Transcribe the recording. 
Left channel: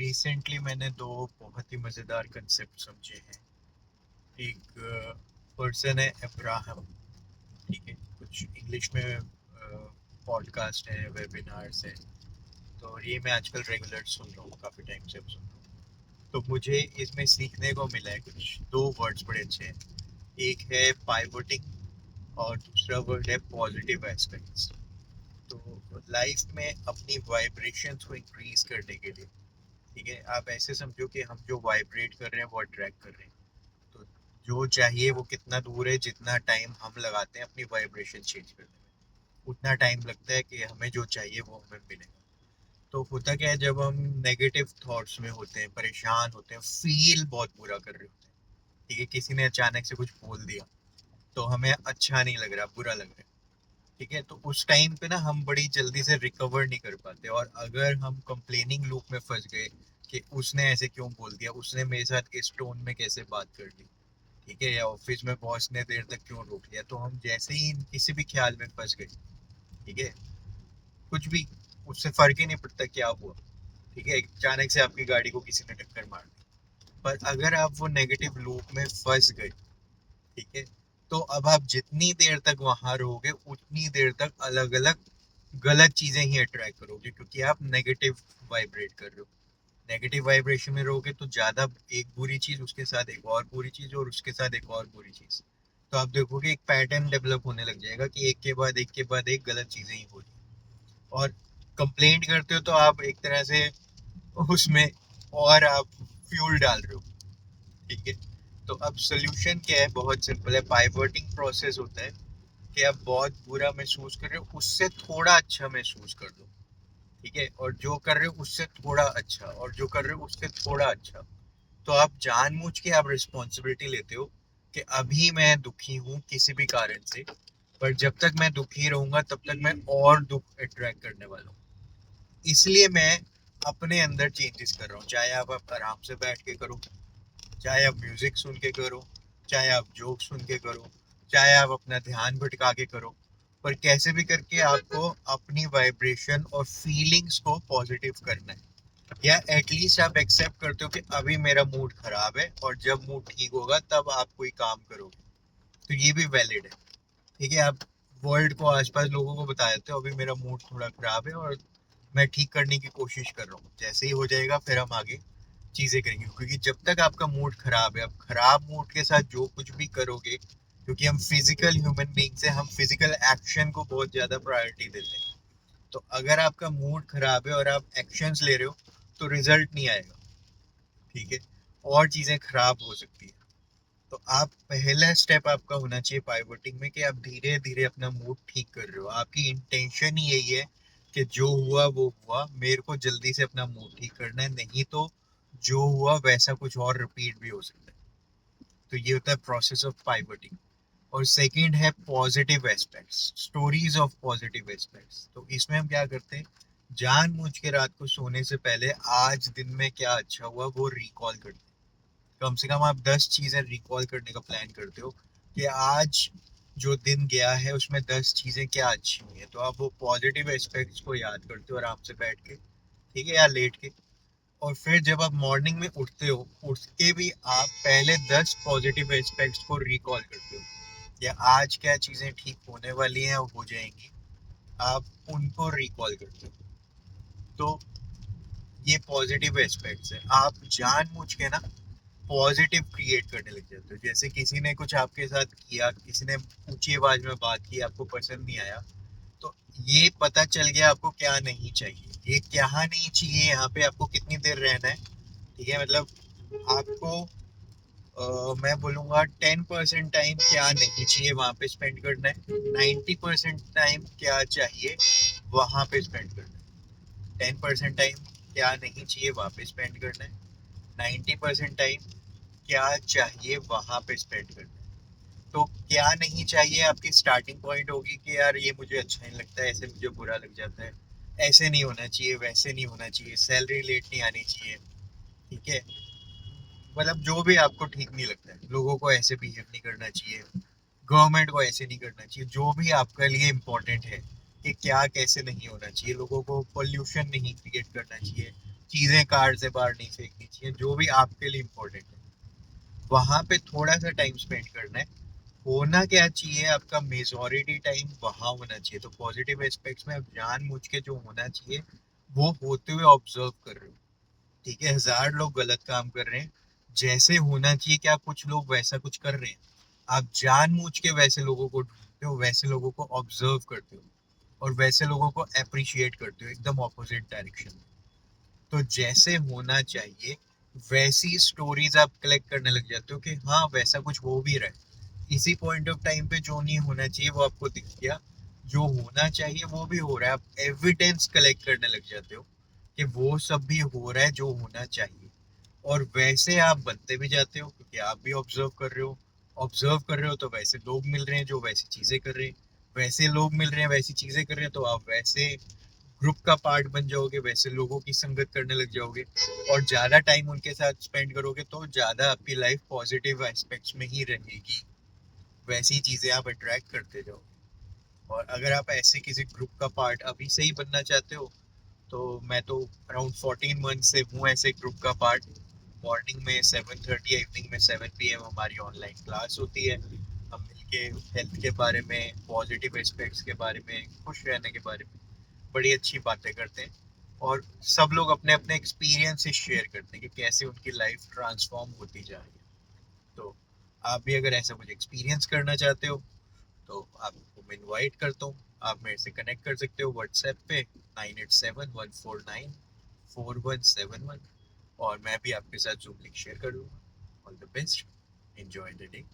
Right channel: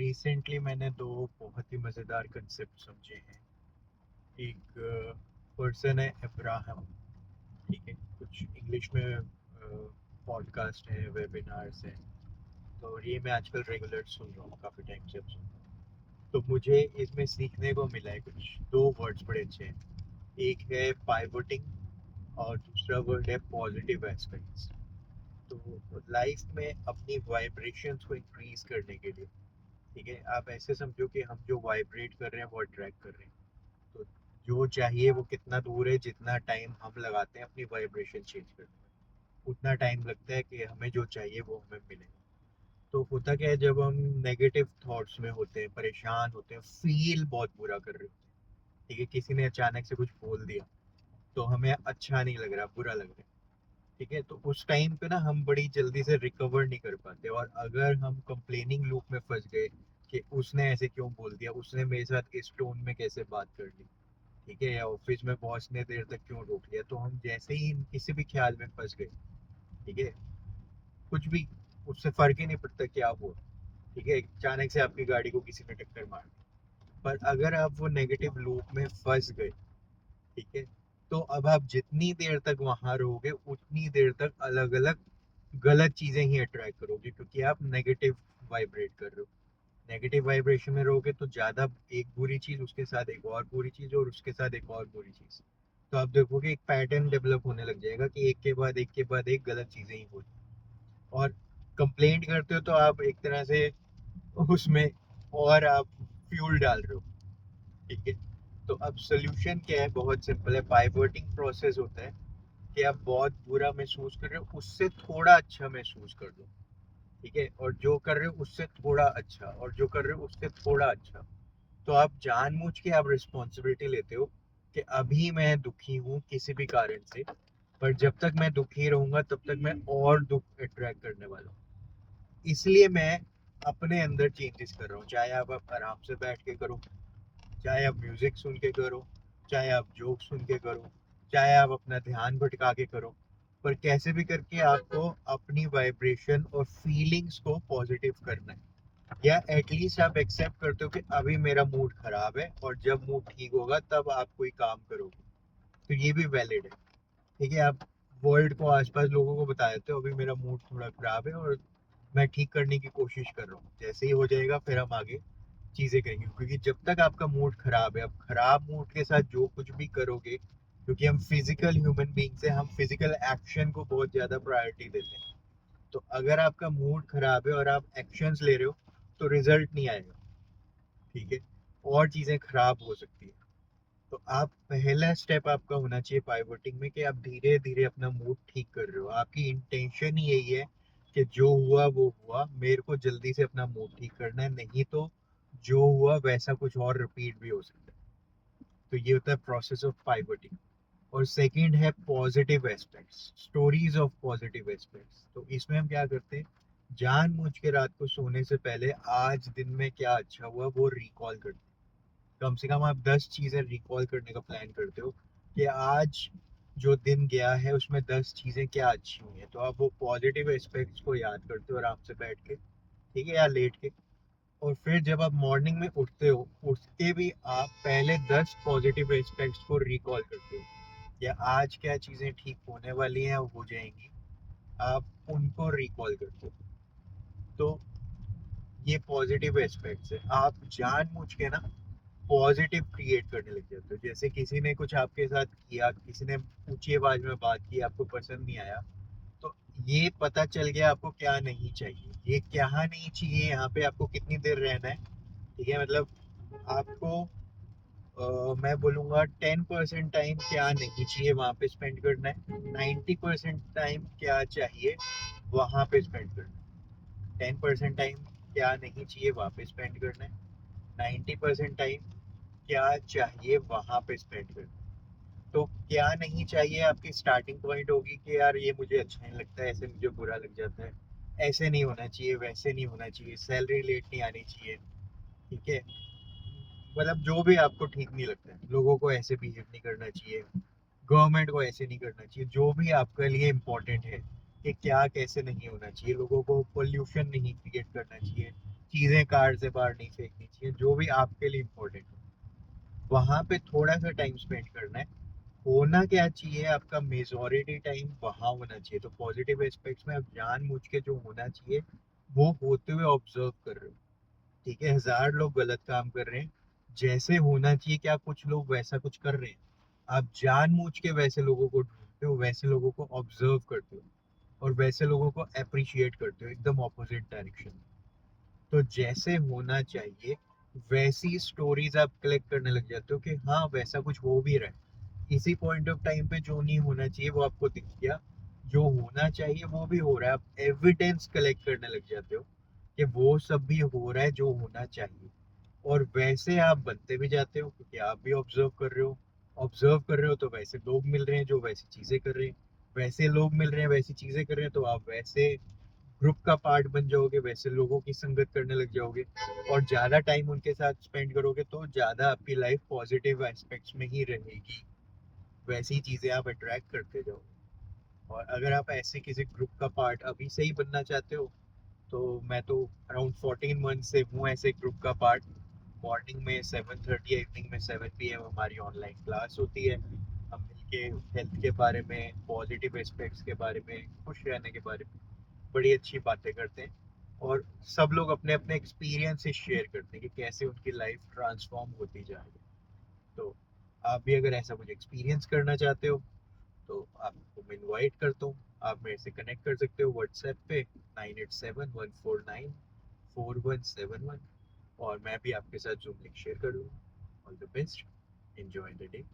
Recently मैंने दो बहुत ही मज़ेदार कंसेप्ट समझे हैं। एक पर्सन है अब्राहम, ठीक है। कुछ इंग्लिश में पॉडकास्ट है, वेबिनार्स है, तो ये मैं आजकल रेगुलर सुन रहा हूँ, काफ़ी टाइम से अब सुन रहा हूँ। तो मुझे इसमें सीखने को मिला है कुछ दो वर्ड्स बड़े अच्छे हैं। एक है पाइवोटिंग और दूसरा वर्ड है पॉजिटिव एस्पेक्ट्स। तो लाइफ में अपनी वाइब्रेशंस को इंक्रीज करने के लिए, ठीक है, आप ऐसे समझो कि हम जो वाइब्रेट कर रहे हैं वो अट्रैक्ट कर रहे हैं। तो जो चाहिए वो कितना दूर है, जितना टाइम हम लगाते हैं अपनी वाइब्रेशन चेंज करने में, उतना टाइम लगता है कि हमें जो चाहिए वो हमें मिलेगा। तो होता क्या है, जब हम नेगेटिव थॉट्स में होते हैं, परेशान होते हैं, फील बहुत बुरा कर रहे होते हैं, ठीक है, किसी ने अचानक से कुछ बोल दिया तो हमें अच्छा नहीं लग रहा, बुरा लग रहा है, ठीक है। तो उस टाइम पे ना हम बड़ी जल्दी से रिकवर नहीं कर पाते, और अगर हम कंप्लेनिंग लूप में फंस गए कि उसने ऐसे क्यों बोल दिया, उसने मेरे साथ इस टोन में कैसे बात कर ली, ठीक है, या ऑफिस में बॉस ने देर तक क्यों रोक लिया, तो हम जैसे ही किसी भी ख्याल में फंस गए, ठीक है, कुछ भी, उससे फर्क ही नहीं पड़ता क्या हुआ, ठीक है, अचानक से आपकी गाड़ी को किसी ने टक्कर मार दी, पर अगर आप वो नेगेटिव लूप में फंस गए, ठीक है, तो अब आप जितनी देर तक वहां रहोगे उतनी देर तक अलग अलग गलत चीजें ही अट्रैक्ट करोगे, क्योंकि आप नेगेटिव वाइब्रेट कर रहे हो। नेगेटिव वाइब्रेशन में रहोगे तो ज्यादा, एक बुरी चीज उसके साथ एक और बुरी चीज और उसके साथ एक और बुरी चीज, तो आप देखोगे एक पैटर्न डेवलप होने लग जाएगा कि एक के बाद एक के बाद एक गलत चीजें ही हो रही हैं। और कंप्लेंट करते हो तो आप एक तरह से उसमें और आप फ्यूल डाल रहे हो, ठीक है। तो अब सोल्यूशन क्या है, बहुत सिंपल है, पाइवटिंग प्रोसेस होता है कि आप बहुत बुरा महसूस कर रहे हो उससे थोड़ा अच्छा महसूस कर दो, ठीक है, और जो कर रहे हो उससे थोड़ा अच्छा, और जो कर रहे हो उससे थोड़ा अच्छा। तो आप जानबूझ के आप रिस्पॉन्सिबिलिटी लेते हो कि अभी मैं दुखी हूँ किसी भी कारण से, पर जब तक मैं दुखी रहूंगा तब तक मैं और दुख अट्रैक्ट करने वाला हूँ, इसलिए मैं अपने अंदर चेंजेस कर रहा हूँ। चाहे आप आराम से बैठ के करो, चाहे आप म्यूजिक सुन के करो, चाहे आप जोक सुन के करो, चाहे आप अपना ध्यान भटका के करो, पर कैसे भी करके आपको अपनी वाइब्रेशन और फीलिंग्स को पॉजिटिव करना है, या एटलीस्ट आप एक्सेप्ट करते हो कि अभी मेरा मूड खराब है और जब मूड ठीक होगा तब आप कोई काम करोगे, तो ये भी वैलिड है, ठीक है। आप वर्ल्ड को, आसपास लोगों को बता देते हो अभी मेरा मूड थोड़ा खराब है और मैं ठीक करने की कोशिश कर रहा हूँ, जैसे ही हो जाएगा फिर हम आगे चीजें करेंगे, क्योंकि जब तक आपका मूड खराब है, आप खराब मूड के साथ जो कुछ भी करोगे, क्योंकि हम फिजिकल ह्यूमन बींग्स हैं, हम फिजिकल एक्शन को बहुत ज्यादा प्रायोरिटी देते हैं, तो अगर आपका मूड खराब है और आप एक्शंस ले रहे हो तो रिजल्ट नहीं आएगा, ठीक है, और चीजें खराब हो सकती है। तो आप, पहला स्टेप आपका होना चाहिए पाइवटिंग में कि आप धीरे धीरे अपना मूड ठीक कर रहे हो, आपकी इंटेंशन ही यही है कि जो हुआ वो हुआ, मेरे को जल्दी से अपना मूड ठीक करना है, नहीं तो जो हुआ वैसा कुछ और रिपीट भी हो सकता है। तो ये होता है प्रोसेस ऑफ पाइवटिंग। और सेकंड है positive aspects, stories of positive aspects. तो इसमें हम क्या करते हैं, जानबूझ के रात को सोने से पहले आज दिन में क्या अच्छा हुआ वो रिकॉल करते हैं। कम से कम आप 10 चीजें रिकॉल करने का प्लान करते हो कि आज जो दिन गया है उसमें 10 चीजें क्या अच्छी हुई है, तो आप वो पॉजिटिव एस्पेक्ट्स को याद करते हो आराम से बैठ के, ठीक है, या लेट के। और फिर जब आप मॉर्निंग में उठते हो, उठ के भी आप पहले 10 पॉजिटिव एस्पेक्ट्स को रिकॉल करते हो, या आज क्या चीजें ठीक होने वाली हैं और हो जाएंगी, आप उनको रिकॉल करते हो। तो ये पॉजिटिव एस्पेक्ट्स है, आप जानबूझ के ना पॉजिटिव क्रिएट करने लग जाते हो। जैसे किसी ने कुछ आपके साथ किया, किसी ने ऊंची आवाज में बात की, आपको पसंद नहीं आया, तो ये पता चल गया आपको क्या नहीं चाहिए, ये क्या नहीं चाहिए, यहाँ पे आपको कितनी देर रहना है, ठीक है, मतलब आपको मैं बोलूँगा 10% टाइम क्या नहीं चाहिए वहाँ पे स्पेंड करना है, 90% टाइम क्या चाहिए वहाँ पे स्पेंड करना है। 10% टाइम क्या नहीं चाहिए वहाँ पे स्पेंड करना है, 90% टाइम क्या चाहिए वहां पे स्पेंड करना है। तो क्या नहीं चाहिए आपकी स्टार्टिंग पॉइंट होगी कि यार ये मुझे अच्छा नहीं लगता है, ऐसे मुझे बुरा लग जाता है, ऐसे नहीं होना चाहिए, वैसे नहीं होना चाहिए, सैलरी लेट नहीं आनी चाहिए, ठीक है, मतलब जो भी आपको ठीक नहीं लगता है, लोगों को ऐसे बिहेव नहीं करना चाहिए, गवर्नमेंट को ऐसे नहीं करना चाहिए, जो भी आपके लिए इम्पोर्टेंट है कि क्या कैसे नहीं होना चाहिए, लोगों को पोल्यूशन नहीं क्रिएट करना चाहिए, चीजें कार से बाहर नहीं फेंकनी चाहिए, जो भी आपके लिए इम्पोर्टेंट है वहां पे थोड़ा सा टाइम स्पेंड करना है। होना क्या चाहिए, आपका मेजोरिटी टाइम वहां होना चाहिए। तो पॉजिटिव एस्पेक्ट्स में आप जानबूझ के जो होना चाहिए वो होते हुए ऑब्जर्व कर रहे हो। ठीक है, 1000 लोग गलत काम कर रहे हैं, जैसे होना चाहिए कि आप कुछ लोग वैसा कुछ कर रहे हैं, आप जानबूझ के वैसे लोगों को ढूंढते हो, वैसे लोगों को ऑब्जर्व करते हो और वैसे लोगों को अप्रिशिएट करते हो, एकदम ऑपोजिट डायरेक्शन में। तो जैसे होना चाहिए वैसी स्टोरीज आप कलेक्ट करने लग जाते हो कि हाँ वैसा कुछ हो भी रहा है। इसी पॉइंट ऑफ टाइम पे जो नहीं होना चाहिए वो आपको दिख गया, जो होना चाहिए वो भी हो रहा है, आप एविडेंस कलेक्ट करने लग जाते हो कि वो सब भी हो रहा है जो होना चाहिए। और वैसे आप बनते भी जाते हो क्योंकि आप भी ऑब्जर्व कर रहे हो। ऑब्जर्व कर रहे हो तो वैसे लोग मिल रहे हैं जो वैसी चीजें कर रहे हैं, वैसे लोग मिल रहे हैं वैसी चीजें कर रहे हैं, तो आप वैसे ग्रुप का पार्ट बन जाओगे, वैसे लोगों की संगत करने लग जाओगे और ज्यादा टाइम उनके साथ स्पेंड करोगे तो ज्यादा आपकी लाइफ पॉजिटिव एस्पेक्ट्स में ही रहेगी। वैसी चीजें आप अट्रैक्ट करते जाओगे। और अगर आप ऐसे किसी ग्रुप का पार्ट अभी से ही बनना चाहते हो तो मैं तो अराउंड 14 मंथ से हूँ ऐसे ग्रुप का पार्ट। मॉर्निंग में 7:30, इवनिंग में 7 PM हमारी ऑनलाइन क्लास होती है। हम मिलके हेल्थ के बारे में, पॉजिटिव एस्पेक्ट्स के बारे में, खुश रहने के बारे में बड़ी अच्छी बातें करते हैं। और सब लोग अपने अपने एक्सपीरियंसेस शेयर करते हैं कि कैसे उनकी लाइफ ट्रांसफॉर्म होती जा रही है। तो आप भी अगर ऐसा कुछ एक्सपीरियंस करना चाहते हो तो आपको मैं इनवाइट करता हूँ। आप मेरे से कनेक्ट कर सकते हो व्हाट्सएप पे 9871494171। और मैं भी आपके साथ जूम लिंक शेयर कर दूंगा। All the best, enjoy the day.